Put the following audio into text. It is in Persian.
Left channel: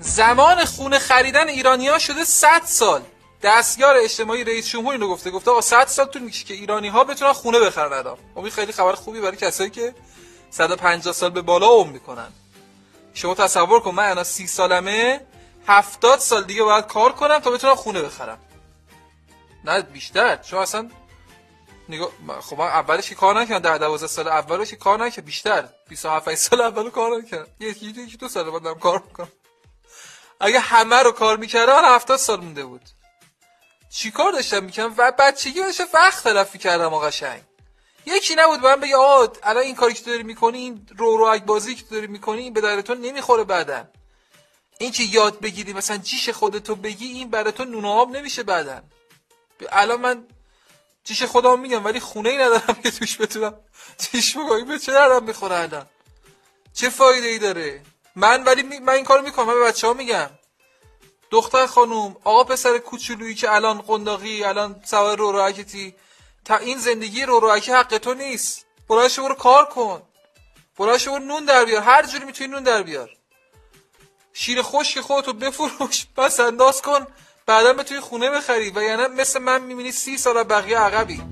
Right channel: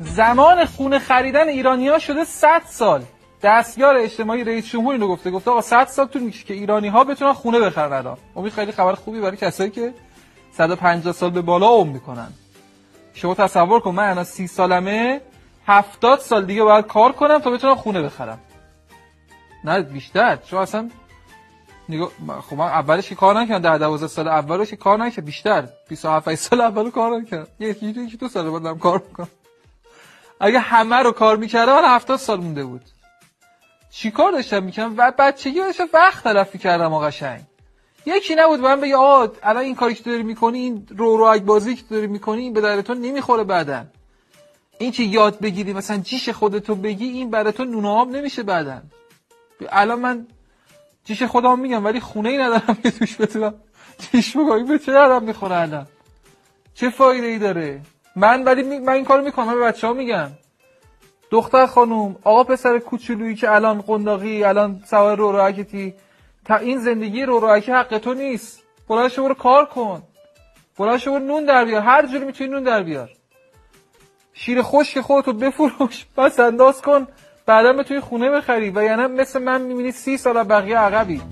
زمان خونه خریدن ایرانی‌ها شده 100 سال. دستیار اجتماعی رئیس جمهور اینو گفته آقا 100 سال طول میکشه که ایرانی‌ها بتونن خونه بخرن الان. این خیلی خبر خوبی برای کسایی که 150 سال به بالا عمر میکنن. شما تصور کن من الان 30 سالمه 70 سال دیگه باید کار کنم تا بتونم خونه بخرم. نه بیشتر. شما اصلا نگاه خب من اولش که کار نکردم 10 12 سال اولش که کار نکردم بیشتر 27 سال اول کار نکردم. یکی دو سال بعدم کار میکنم. اگه همه رو کار میکردم 70 سال مونده بود. چی کار داشتم میکردم و بچگی داشتم وقت تلف میکردم قشنگ. یکی نبود من بگه آقا الان این کاری که تو داری میکنی این رو بازی که تو داری میکنی این به درتون نمیخوره بعدن. این که یاد بگیری مثلا جیش خودتو بگی این براتون نون آب نمیشه بعدن. الان من جیش خودم میگم ولی خونه ای ندارم که توش بتونم جیش بگم به چه درم میخوره الان. چه فایده ای داره؟ من این کارو میکنم. من به بچه‌ها میگم دختر خانوم آقا پسر کوچولویی که الان قنداقی الان سوار رو راکتی تا این زندگی رو راکی حق تو نیست. بلند شو برو کار کن. بلند شو برو نون در بیار. هر جوری میتونی نون در بیار. شیر خشک خودتو بفروش بس انداز کن بعدا بتونی خونه بخری و یعنی مثل من میبینی 30 سال بقیه عقبی.